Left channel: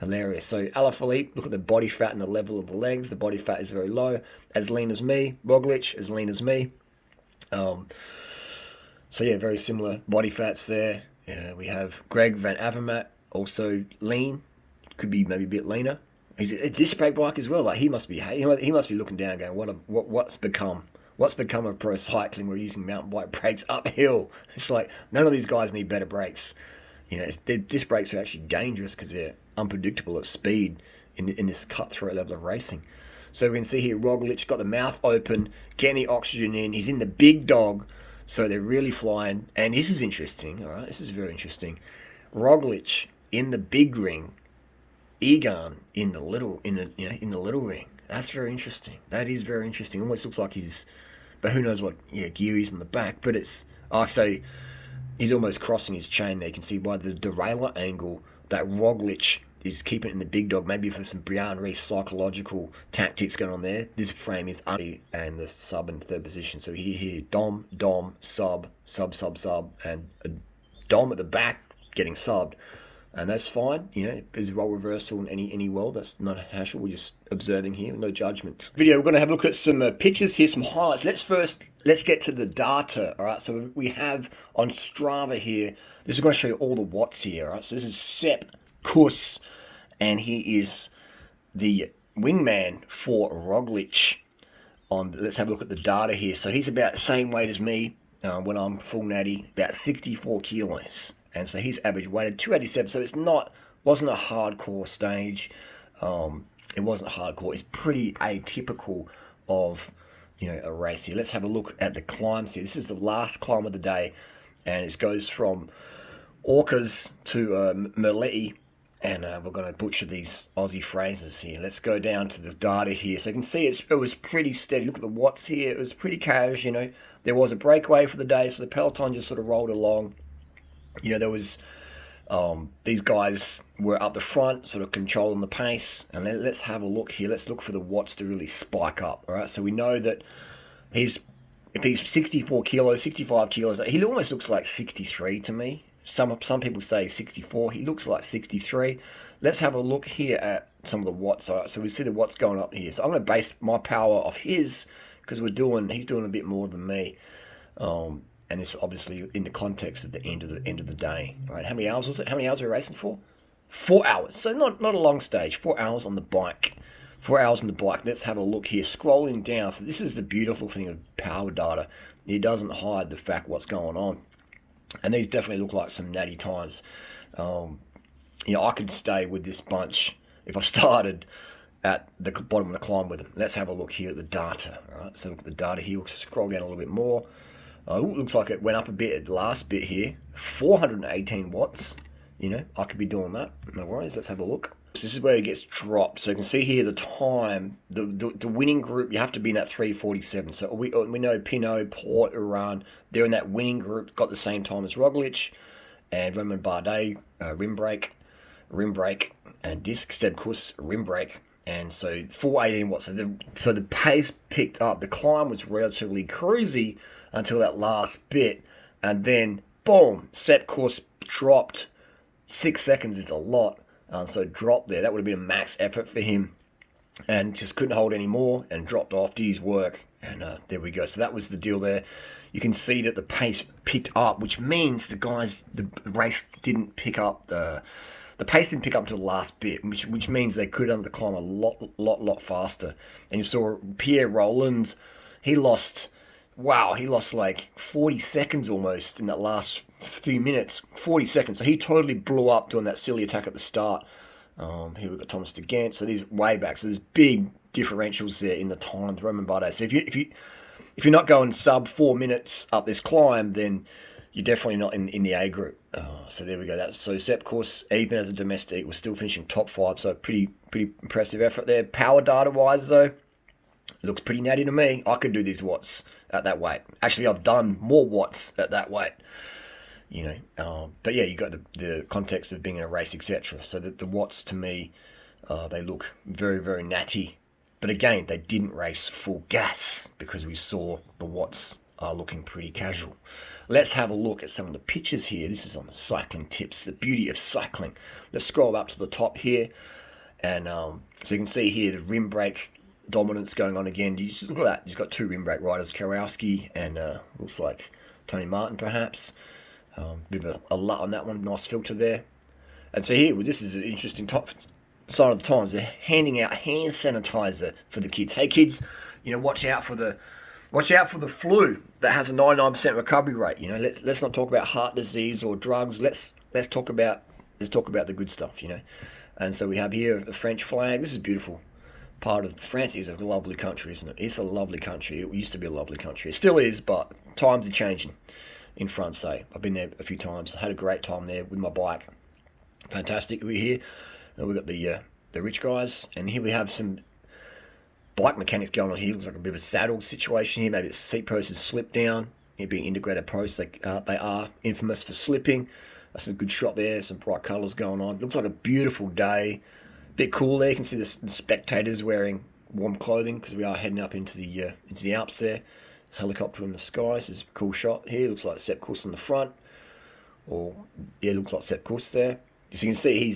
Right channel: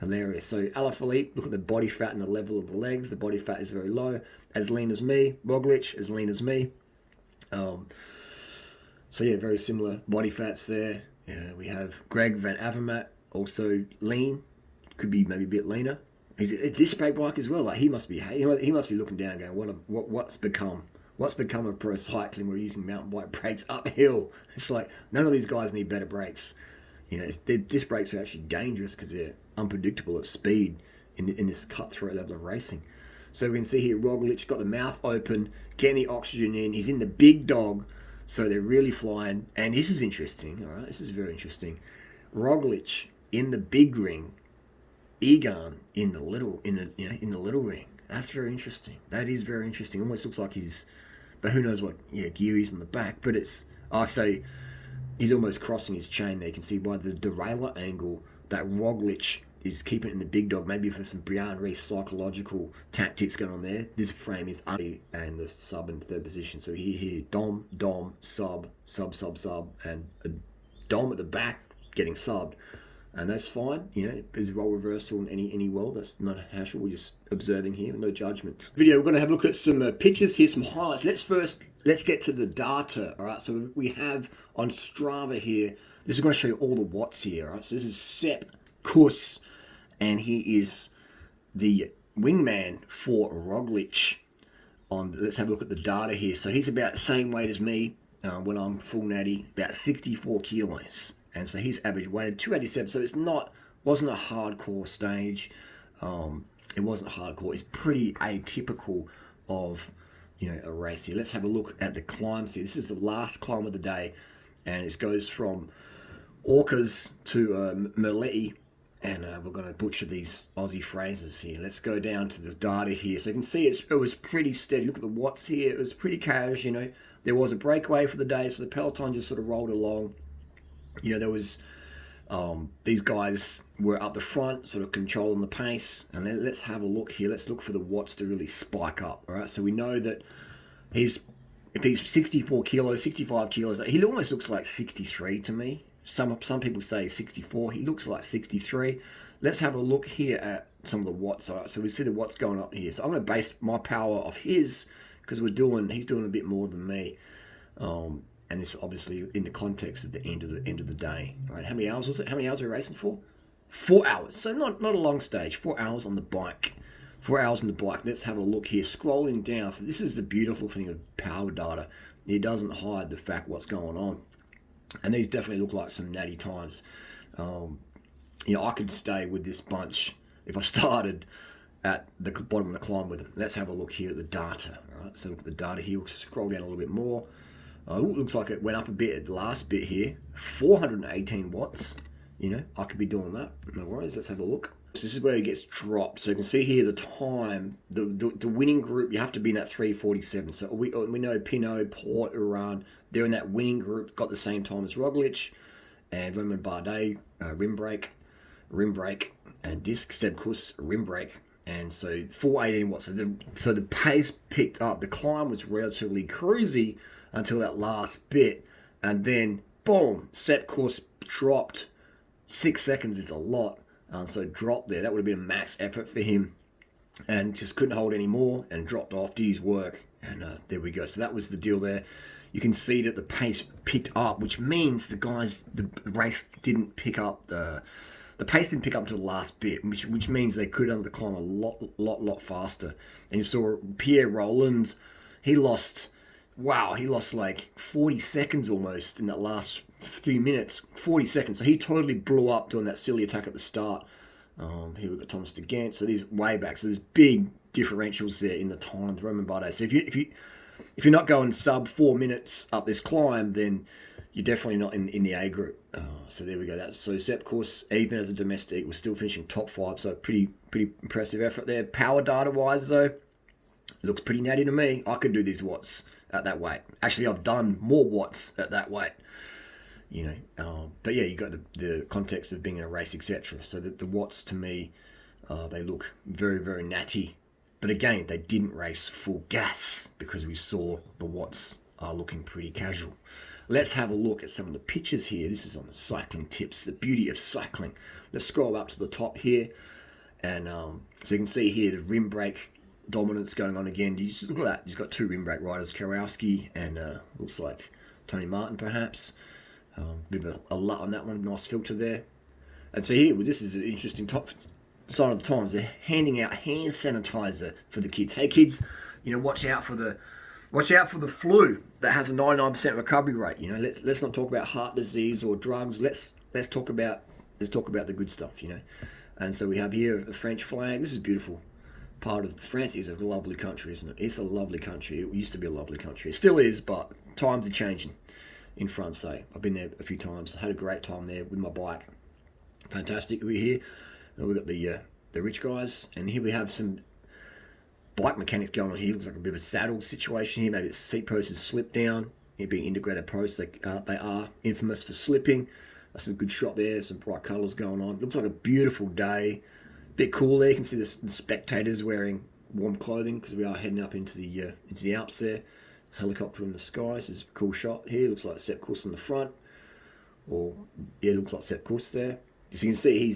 Hilarious. So Alaphilippe, look at the body fat and the level of the legs. The body fat is very low. As lean as me. Roglic, as lean as me. So yeah, very similar body fats there. We have Greg Van Avermaet, also lean. Could be maybe a bit leaner. He's a disc brake bike as well. Like he must be looking down, going, what's become of pro cycling? We're using mountain bike brakes uphill. It's like none of these guys need better brakes. Their disc brakes are actually dangerous because they're unpredictable at speed in this cutthroat level of racing. So we can see here Roglic got the mouth open, getting the oxygen in. He's in the big dog, so they're really flying. And this is interesting. All right, this is very interesting. Roglic in the big ring, Egan in the little little ring. That's very interesting. That is very interesting. Almost looks like but who knows what gear he's in the back. But it's so he's almost crossing his chain there. You can see by the derailleur angle that Roglic is keeping it in the big dog, maybe for some Brian Reese psychological tactics going on there. This frame is under and the sub in third position. So here, Dom, sub, and a Dom at the back getting subbed. And that's fine, there's role reversal in any world. That's not a hassle. We're just observing here, no judgments. Video, we're going to have a look at some pictures here, some highlights. Let's get to the data, all right? So we have on Strava here, this is going to show you all the watts here, all right? So this is Sepp Kuss, and he is the wingman for Roglic. Let's have a look at the data here. So he's about the same weight as me when I'm full natty, about 64 kilos. And so his average weight at 287. So wasn't a hardcore stage. It wasn't hardcore. It's pretty atypical of a race here. Let's have a look at the climbs here. This is the last climb of the day, and it goes from Orcas to Merletti, and we're going to butcher these Aussie phrases here. Let's go down to the data here. So you can see it was pretty steady. Look at the watts here. It was pretty cash. There was a breakaway for the day, so the peloton just sort of rolled along. There was these guys were up the front, sort of controlling the pace. And let's have a look here. Let's look for the watts to really spike up. All right, so we know that if he's 64 kilos, 65 kilos, he almost looks like 63 to me. Some people say 64. He looks like 63. Let's have a look here at some of the watts. All right, so we see the watts going up here. So I'm going to base my power off his because he's doing a bit more than me. And it's obviously in the context of the end of the day. Right? How many hours was it? How many hours were we racing for? 4 hours. So not a long stage. 4 hours on the bike. 4 hours on the bike. Let's have a look here. Scrolling down. This is the beautiful thing of power data. It doesn't hide the fact what's going on. And these definitely look like some natty times. I could stay with this bunch if I started at the bottom of the climb with them. Let's have a look here at the data. All right? So look at the data here. We'll scroll down a little bit more. Looks like it went up a bit at the last bit here. 418 watts. I could be doing that. No worries. Let's have a look. So this is where it gets dropped. So you can see here the time. The winning group, you have to be in that 3:47. So we know Pinot, Port, Iran, they're in that winning group. Got the same time as Roglic and Romain Bardet, rim brake, and disc. Sepp Kuss, rim brake. And so 418 watts. So the pace picked up. The climb was relatively cruisy until that last bit, and then boom, Sepp Kuss dropped. 6 seconds is a lot, so dropped there. That would have been a max effort for him, and just couldn't hold any more and dropped off, did his work, and there we go. So that was the deal there. You can see that the pace picked up, which means the race didn't pick up the pace didn't pick up until the last bit, which means they could have the climb a lot faster. And you saw Pierre Roland, he lost like 40 seconds almost in that last few minutes. 40 seconds. So he totally blew up doing that silly attack at the start. Here we've got Thomas de Gent. So these way back. So there's big differentials there in the times. Romain Bardet. So if you're not going sub 4 minutes up this climb, then you're definitely not in the A group. So there we go. So Sepp Kuss, even as a domestic, was still finishing top 5. So pretty impressive effort there. Power data wise though, looks pretty natty to me. I could do these watts at that weight. Actually, I've done more watts at that weight. But yeah, you got the context of being in a race, etc. So the watts to me, they look very, very natty. But again, they didn't race full gas because we saw the watts are looking pretty casual. let's have a look at some of the pictures here. This is on the Cycling Tips, the beauty of cycling. Let's scroll up to the top here, and so you can see here the rim brake dominance going on again. You just look at that. He's got 2 rim brake riders, Kowalski and looks like Tony Martin perhaps. Bit of a LUT on that one, nice filter there. And so here, well, this is an interesting top sign of the times. They're handing out hand sanitizer for the kids. Hey kids, watch out for the flu that has a 99% recovery rate. Let's not talk about heart disease or drugs. Let's talk about the good stuff. And so we have here a French flag. This is beautiful. Part of France is a lovely country, isn't it? It's a lovely country. It used to be a lovely country. It still is, but times are changing in France. I've been there a few times. I had a great time there with my bike. Fantastic. We're here. We've got the rich guys, and here we have some bike mechanics going on here. Looks like a bit of a saddle situation here. Maybe the seat post has slipped down. Here being integrated posts, they are infamous for slipping. That's a good shot there. Some bright colours going on. Looks like a beautiful day. Bit cool there. You can see the spectators wearing warm clothing because we are heading up into the Alps there. Helicopter in the sky. This is a cool shot here. Looks like Sepp Kuss on the front. Looks like Sepp Kuss there. As you can see,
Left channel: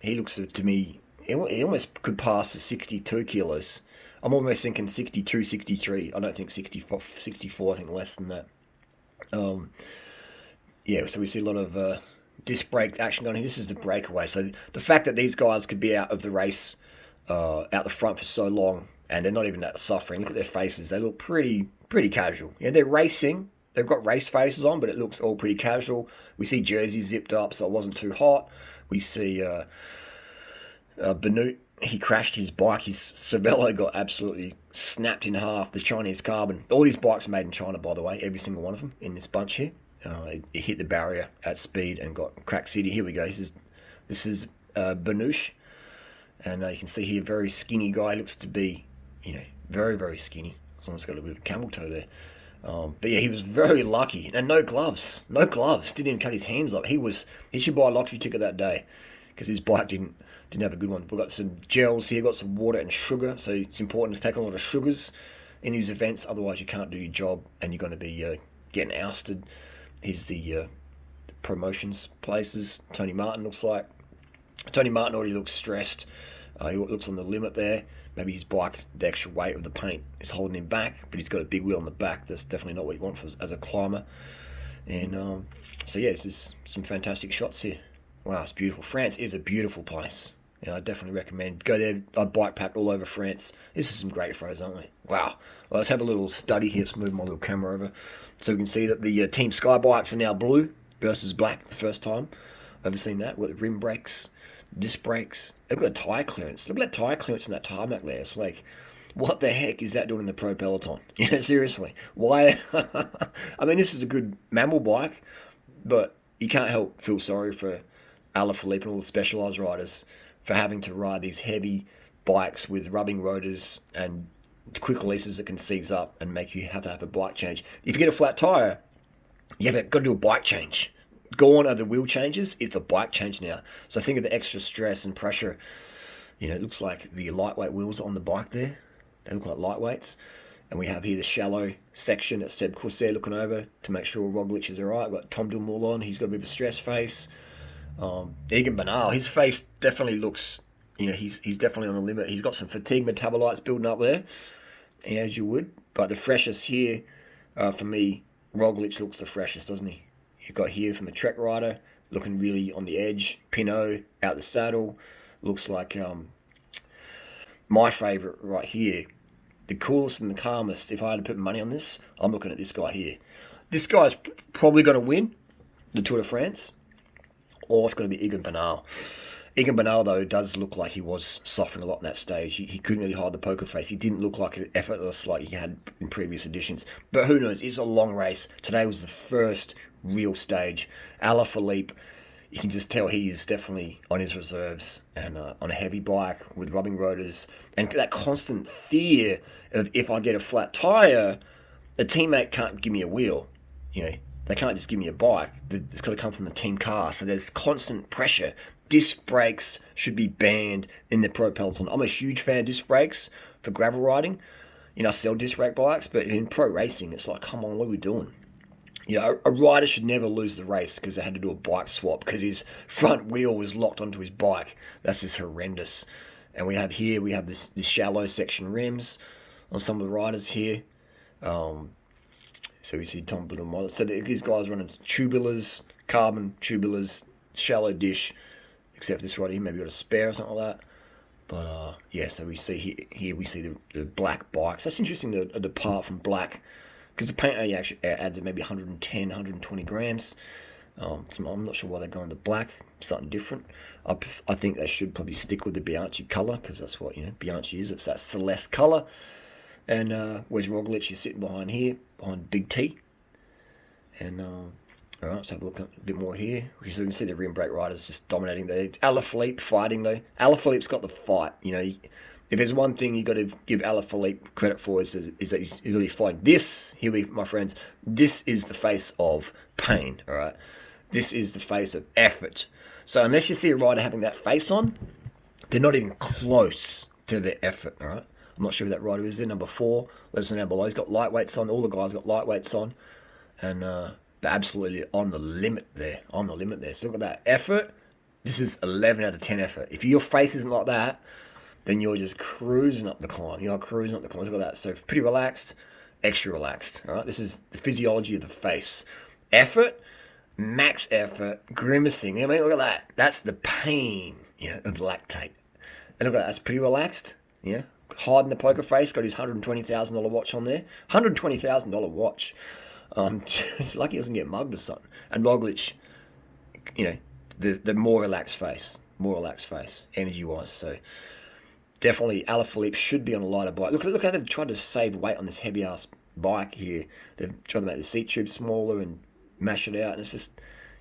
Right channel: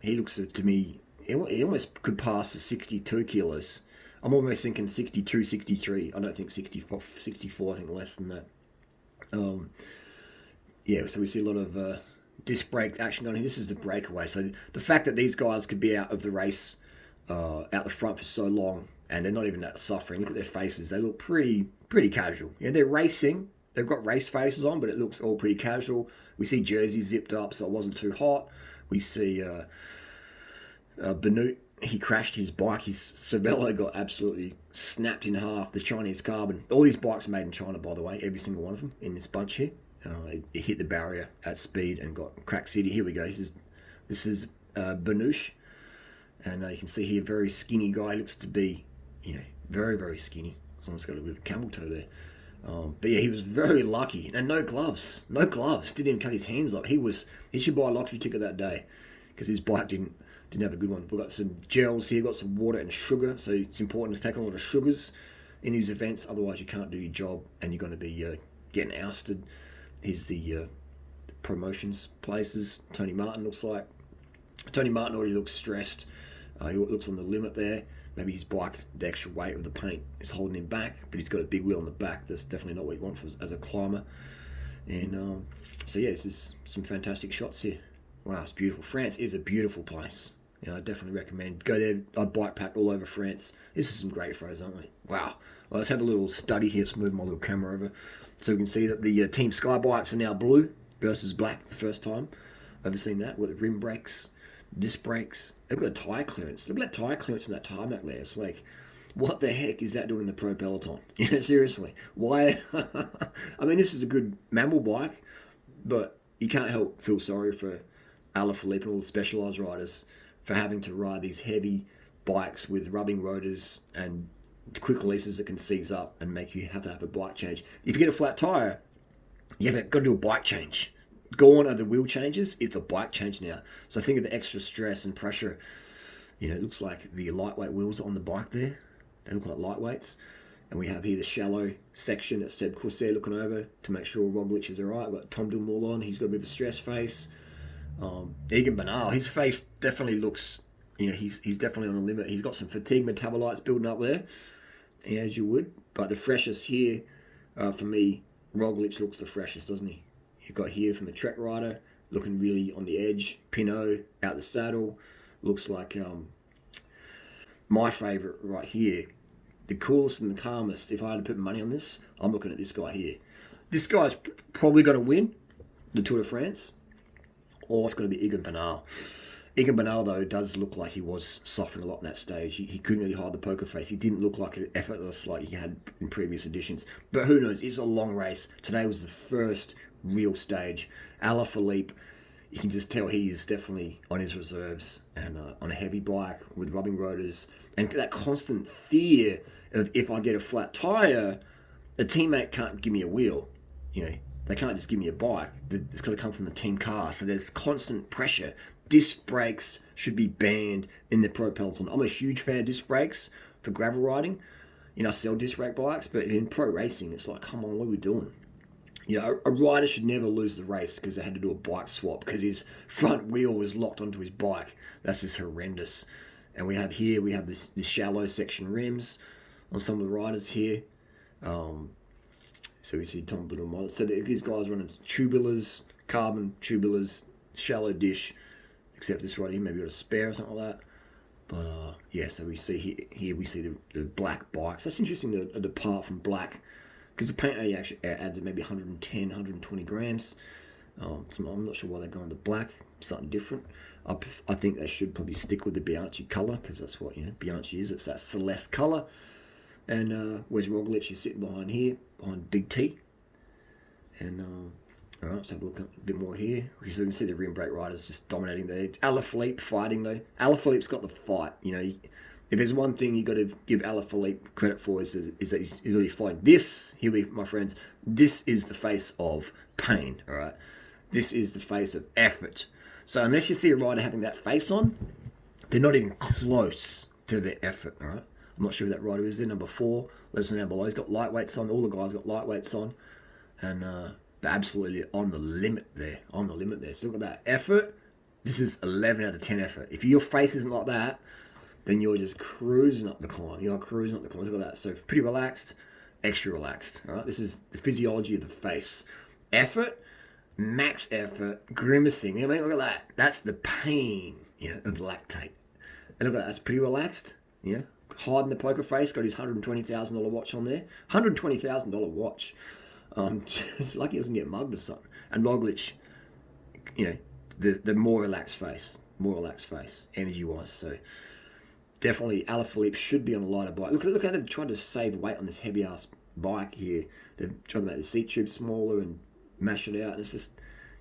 he looks to me, he almost could pass the 62 kilos. I'm almost thinking 62, 63. I don't think 64, I think less than that. So we see a lot of disc brake action going here. This is the breakaway. So the fact that these guys could be out of the race, out the front for so long, and they're not even that suffering. Look at their faces. They look pretty casual. They're racing. They've got race faces on, but it looks all pretty casual. We see jerseys zipped up so it wasn't too hot. We see Benoit, he crashed his bike. His Cervelo got absolutely snapped in half. The Chinese carbon. All these bikes are made in China, by the way. Every single one of them in this bunch here. It hit the barrier at speed and got crack city. Here we go. This is Benoit, and you can see here very skinny guy. Looks to be very, very skinny. Someone's got a bit of camel toe there. But yeah, he was very lucky. And no gloves. Didn't even cut his hands up. He should buy a lottery ticket that day because his bike didn't have a good one. We've got some gels here, got some water and sugar. So it's important to take a lot of sugars in these events. Otherwise, you can't do your job and you're going to be getting ousted. Here's the promotions places. Tony Martin looks like. Tony Martin already looks stressed. He looks on the limit there. Maybe his bike, the extra weight of the paint is holding him back, but he's got a big wheel on the back. That's definitely not what you want as a climber. And this is some fantastic shots here. Wow, it's beautiful. France is a beautiful place. I definitely recommend. Go there. I bike packed all over France. This is some great photos, aren't we? Wow. Well, let's have a little study here. Let's move my little camera over. So we can see that the Team Sky bikes are now blue versus black the first time. I've ever seen that. With the rim brakes, disc brakes. Look at the tyre clearance. Look at that tyre clearance in that tarmac there. It's like, what the heck is that doing in the pro peloton? Seriously. Why? I mean, this is a good mammal bike, but you can't help feel sorry for Alaphilippe and all the Specialized riders for having to ride these heavy bikes with rubbing rotors and quick releases that can seize up and make you have to have a bike change. If you get a flat tyre, you've got to do a bike change. Gone are the wheel changes. It's a bike change now. So think of the extra stress and pressure. It looks like the lightweight wheels on the bike there. They look like lightweights. And we have here the shallow section that Sepp Kuss there looking over to make sure Roglic is all right. We've got Tom Dumoulin. He's got a bit of a stress face. Egan Bernal, his face definitely looks, he's definitely on the limit. He's got some fatigue metabolites building up there, as you would. But the freshest here, for me, Roglic looks the freshest, doesn't he? You've got here from the Trek rider, looking really on the edge. Pinot out the saddle. Looks like my favourite right here. The coolest and the calmest, if I had to put money on this, I'm looking at this guy here. This guy's probably going to win the Tour de France, or it's going to be Egan Bernal. Egan Bernal, though, does look like he was suffering a lot in that stage. He couldn't really hide the poker face. He didn't look like effortless like he had in previous editions. But who knows? It's a long race. Today was the first real stage. Alaphilippe, you can just tell he is definitely on his reserves and on a heavy bike with rubbing rotors. And that constant fear of if I get a flat tyre, a teammate can't give me a wheel. They can't just give me a bike. It's got to come from the team car. So there's constant pressure. Disc brakes should be banned in the pro peloton. I'm a huge fan of disc brakes for gravel riding. I sell disc brake bikes, but in pro racing, it's like, come on, what are we doing? You know, a rider should never lose the race because they had to do a bike swap because his front wheel was locked onto his bike. That's just horrendous. And we have this shallow section rims on some of the riders here. So we see Tom Little model. So these guys running tubulars, carbon tubulars, shallow dish, except this rider here maybe got a spare or something like that. But yeah, so we see here we see the black bikes. That's interesting to depart from black because the paint actually adds maybe 110, 120 grams. So I'm not sure why they're going to black, something different. I think they should probably stick with the Bianchi colour because that's what Bianchi is. It's that Celeste colour. And where's Roglic? He's sitting behind here, behind Big T. And all right, let's have a look a bit more here. Because you can see the rim brake riders just dominating there. Alaphilippe fighting though. Alaphilippe's got the fight. If there's one thing you got to give Alaphilippe credit for is that he's really fighting. This, here we, my friends, this is the face of pain. All right, this is the face of effort. So unless you see a rider having that face on, they're not even close to their effort. All right. I'm not sure who that rider is there, number 4. Let us know down below. He's got lightweights on. All the guys got lightweights on. And they're absolutely on the limit there. On the limit there. So look at that. Effort. This is 11 out of 10 effort. If your face isn't like that, then you're just cruising up the climb. You're cruising up the climb. Look at that. So pretty relaxed, extra relaxed. All right. This is the physiology of the face. Effort, max effort, grimacing. I mean, look at that. That's the pain, of lactate. And look at that. That's pretty relaxed. Yeah. Hiding the poker face, got his $120,000 watch on there. $120,000 watch. It's lucky he doesn't get mugged or something. And Roglic, the more relaxed face, energy-wise. So definitely Alaphilippe should be on a lighter bike. Look how they've tried to save weight on this heavy-ass bike here. They've tried to make the seat tube smaller and mash it out. And it's just,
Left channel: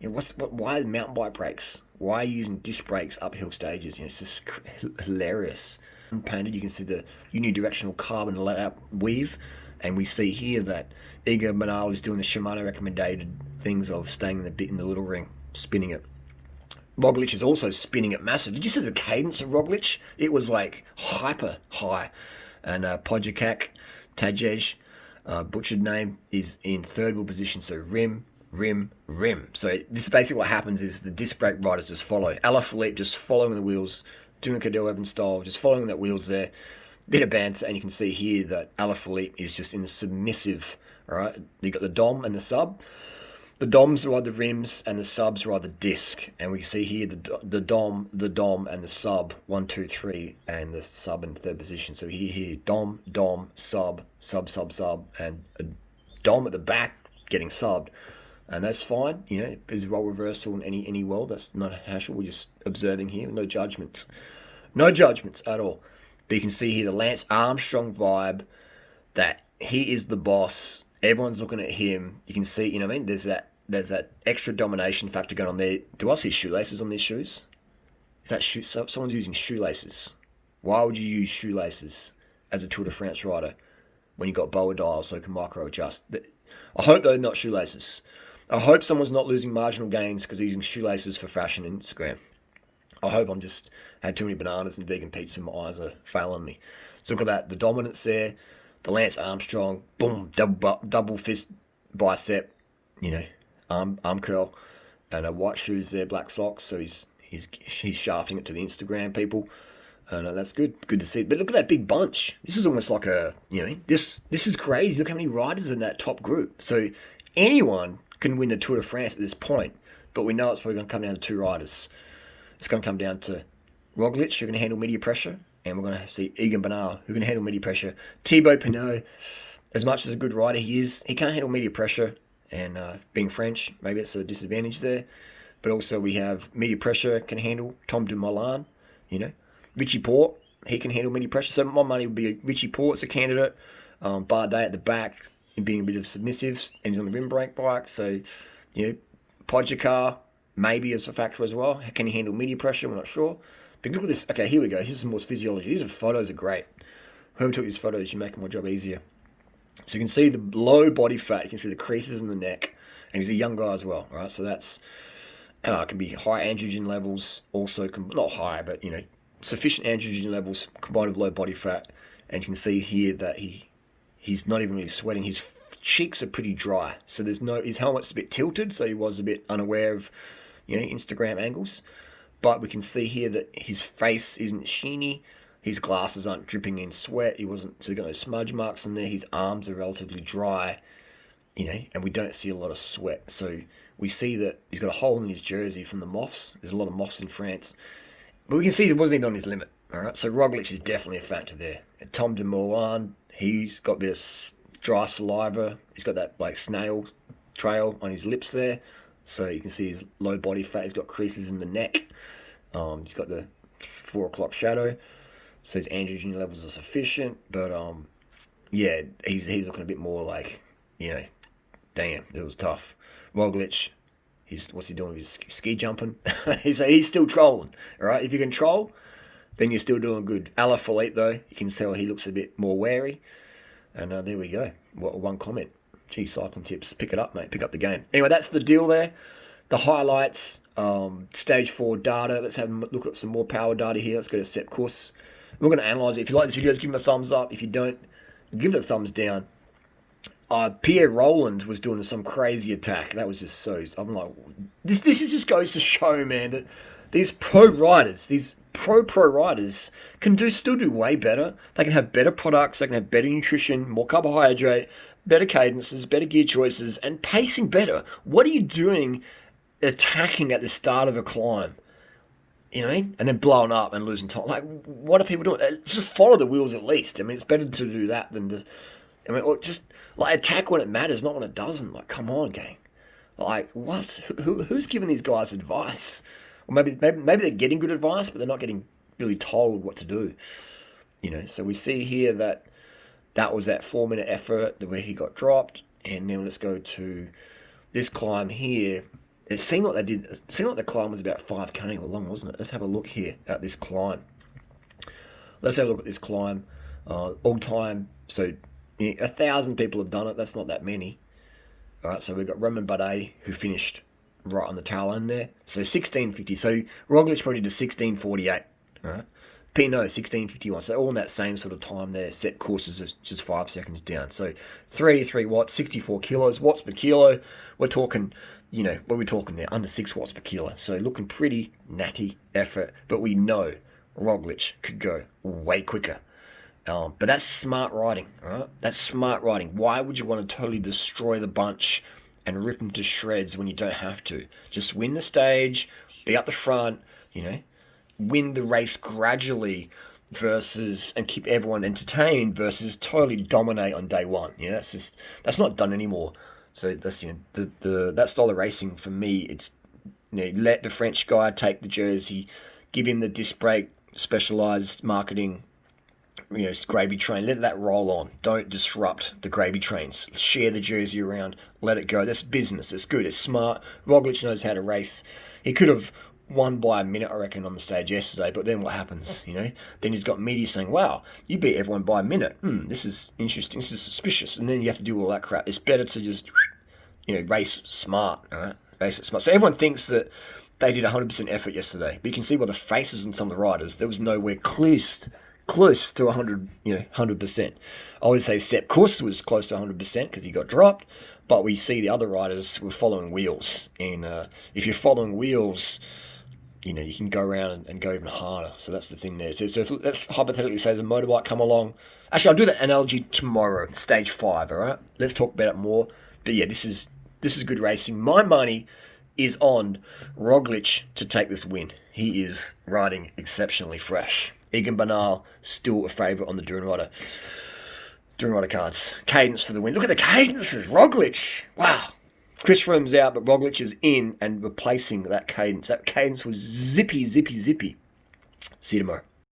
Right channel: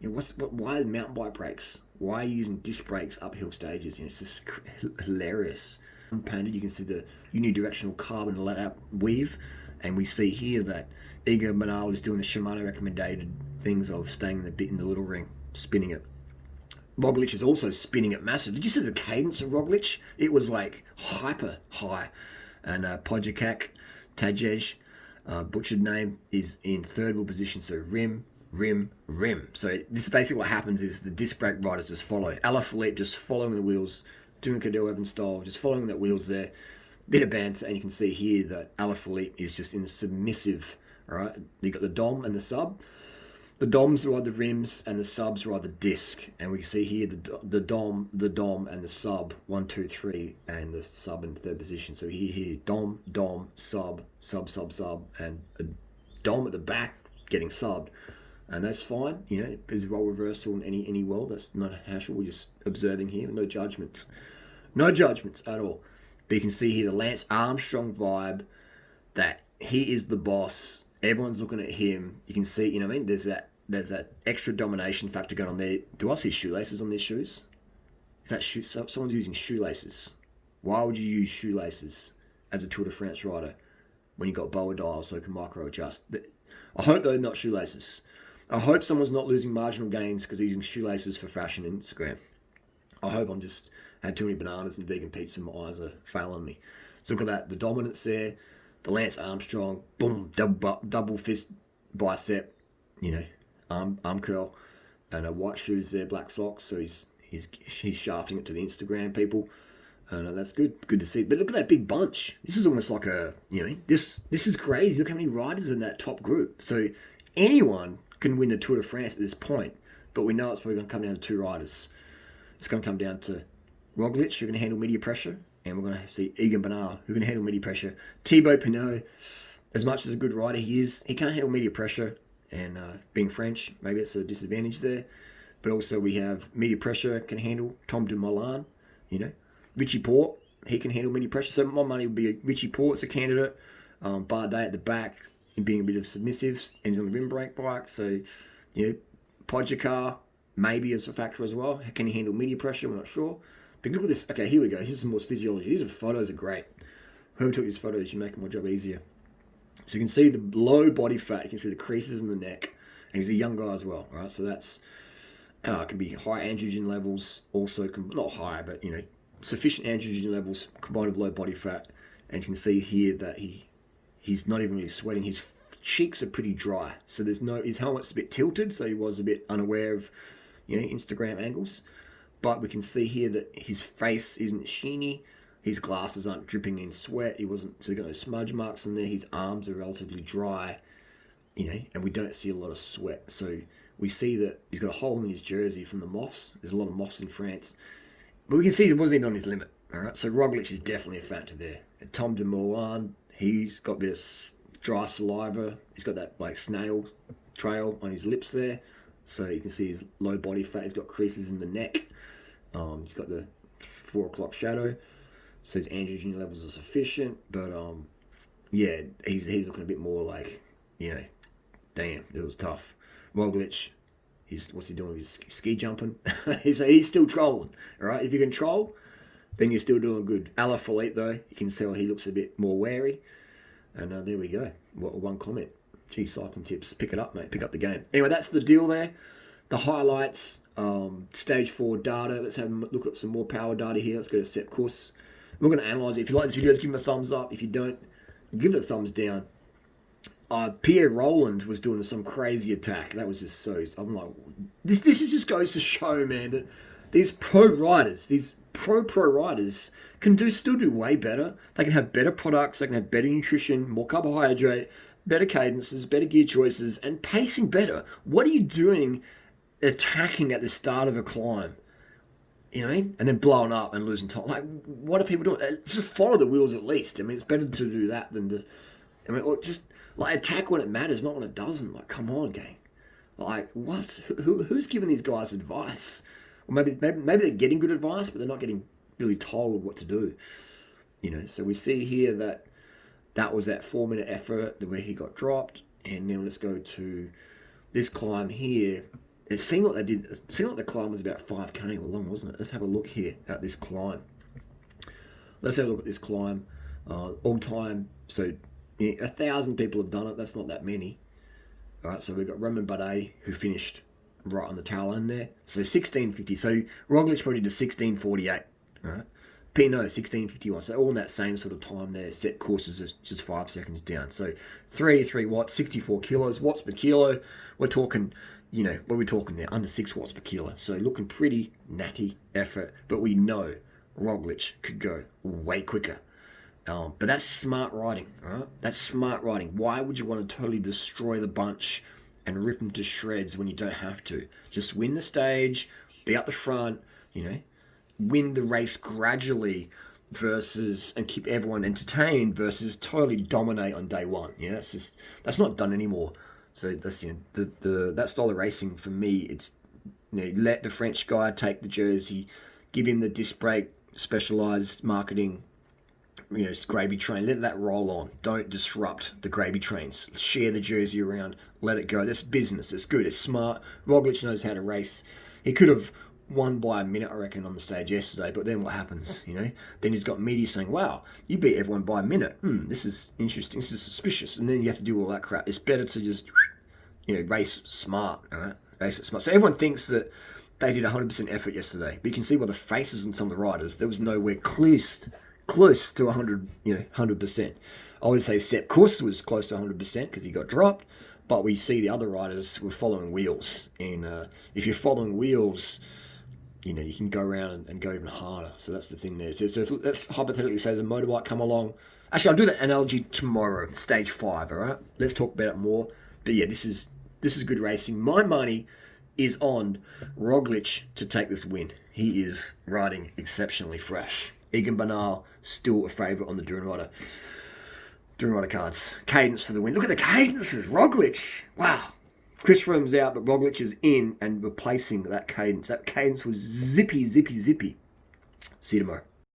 why mountain bike brakes? Why are you using disc brakes uphill stages? It's just hilarious. Painted, you can see the unidirectional carbon layout weave, and we see here that Egan Bernal is doing the Shimano recommended things of staying in the little ring, spinning it. Roglic is also spinning it massive. Did you see the cadence of Roglic? It was like hyper high. And Podjakak, Tajej, butchered name, is in third wheel position, so rim. So this is basically what happens is the disc brake riders just follow. Alaphilippe just following the wheels, doing Cadell Evans style, just following that wheels there. Bit of banter, and you can see here that Alaphilippe is just in the submissive. All right, you got the dom and the sub. The doms ride the rims, and the subs ride the disc. And we can see here the dom, and the sub 1, 2, 3, and the sub in third position. So here, dom, sub, and a dom at the back getting subbed. And that's fine, there's role reversal in any world. That's not a hassle. We're just observing here. No judgments at all. But you can see here the Lance Armstrong vibe, that he is the boss. Everyone's looking at him. You can see, there's that extra domination factor going on there. Do I see shoelaces on these shoes? Is that someone's using shoelaces? Why would you use shoelaces as a Tour de France rider when you got boa dials so you can micro adjust? I hope they're not shoelaces. I hope someone's not losing marginal gains because they're using shoelaces for fashion on Instagram. I hope I'm just had too many bananas and vegan pizza and my eyes are failing me. So look at that, the dominance there, the Lance Armstrong, boom, double fist bicep, arm curl, and white shoes there, black socks. So he's shafting it to the Instagram people, and that's good to see. But look at that big bunch. This is almost like this is crazy. Look how many riders in that top group. So anyone can win the Tour de France at this point, but we know it's probably going to come down to 2 riders. It's going to come down to Roglic, who can handle media pressure, and we're going to see Egan Bernal, who can handle media pressure. Thibaut Pinot, as much as a good rider he is, he can't handle media pressure, and being French, maybe it's a disadvantage there. But also we have media pressure can handle Tom Dumoulin, Richie Porte, he can handle media pressure. So my money would be Richie Porte's a candidate. Bardet at the back, being a bit of submissives, and he's on the rim brake bike. So, Podjakar maybe as a factor as well. Can he handle media pressure? We're not sure. But look at this. Okay, here we go. This is more physiology. These photos are great. Whoever took these photos, you're making my job easier. So you can see the low body fat. You can see the creases in the neck. And he's a young guy as well. All right, so that's can be high androgen levels. Also, not high, but sufficient androgen levels combined with low body fat. And you can see here that he's not even really sweating. His cheeks are pretty dry. So his helmet's a bit tilted, so he was a bit unaware of, Instagram angles. But we can see here that his face isn't sheeny. His glasses aren't dripping in sweat. So he's got no smudge marks in there. His arms are relatively dry, and we don't see a lot of sweat. So we see that he's got a hole in his jersey from the moths. There's a lot of moths in France. But we can see it wasn't even on his limit. All right, so Roglic is definitely a factor there. And Tom Dumoulin, he's got a bit of dry saliva. He's got that snail trail on his lips there. So you can see his low body fat. He's got creases in the neck. He's got the 4 o'clock shadow. So his androgen levels are sufficient. But he's looking a bit more like, damn, it was tough. Roglic, what's he doing with his ski jumping? he's still trolling. All right, if you can troll, then you're still doing good. Alaphilippe, though, you can tell he looks a bit more wary. And there we go. One comment. Gee, Cycling Tips. Pick it up, mate. Pick up the game. Anyway, that's the deal there. The highlights, stage 4 data. Let's have a look at some more power data here. Let's go to set course. We're going to analyze it. If you like this video, give him a thumbs up. If you don't, give it a thumbs down. Pierre Roland was doing some crazy attack. That was just so... I'm like, this just goes to show, man, that these pro riders, these pro riders can still do way better. They can have better products. They can have better nutrition, more carbohydrate, better cadences, better gear choices, and pacing better. What are you doing attacking at the start of a climb? And then blowing up and losing time. Like, what are people doing? Just follow the wheels at least. I mean, it's better to do that than to... or just... attack when it matters, not when it doesn't. Like, come on, gang. Like, what? Who's giving these guys advice? Or maybe they're getting good advice, but they're not getting really told what to do. So we see here that was that 4-minute effort where he got dropped. And now let's go to this climb here. It seemed like the climb was about 5K or long, wasn't it? Let's have a look here at this climb. Let's have a look at this climb. All time, so... 1,000 people have done it. That's not that many. All right, so we've got Romain Bardet, who finished right on the tail end there. So 16:50. So Roglic probably did 16:48. All right. Pinot 16:51. So all in that same sort of time there. Set courses is just 5 seconds down. So 33 watts, 64 kilos. Watts per kilo. We're talking, what are we talking there? Under 6 watts per kilo. So looking pretty natty effort. But we know Roglic could go way quicker. But that's smart riding, all right? That's smart riding. Why would you want to totally destroy the bunch and rip them to shreds when you don't have to? Just win the stage, be up the front, win the race gradually and keep everyone entertained versus totally dominate on day one. That's not done anymore. So that's, that style of racing for me, it's, let the French guy take the jersey, give him the disc brake, specialized marketing, gravy train, let that roll on. Don't disrupt the gravy trains. Share the jersey around, let it go. That's business. It's good. It's smart. Roglic knows how to race. He could have won by a minute, I reckon, on the stage yesterday, but then what happens, Then he's got media saying, wow, you beat everyone by a minute. This is interesting. This is suspicious. And then you have to do all that crap. It's better to just, race smart, all right? Race it smart. So everyone thinks that they did 100% effort yesterday, but you can see by the faces on some of the riders, there was nowhere close to 100%. I would say Sepp Kuss was close to 100% because he got dropped, but we see the other riders were following wheels. And if you're following wheels, you can go around and go even harder. So that's the thing there. So let's hypothetically say the motorbike come along. Actually, I'll do that analogy tomorrow, stage 5, all right? Let's talk about it more. But yeah, this is good racing. My money is on Roglic to take this win. He is riding exceptionally fresh. Egan Bernal still a favourite on the durianrider cards. Cadence for the win. Look at the cadences. Roglic. Wow. Chris Froome's out, but Roglic is in and replacing that cadence. That cadence was zippy. See you tomorrow.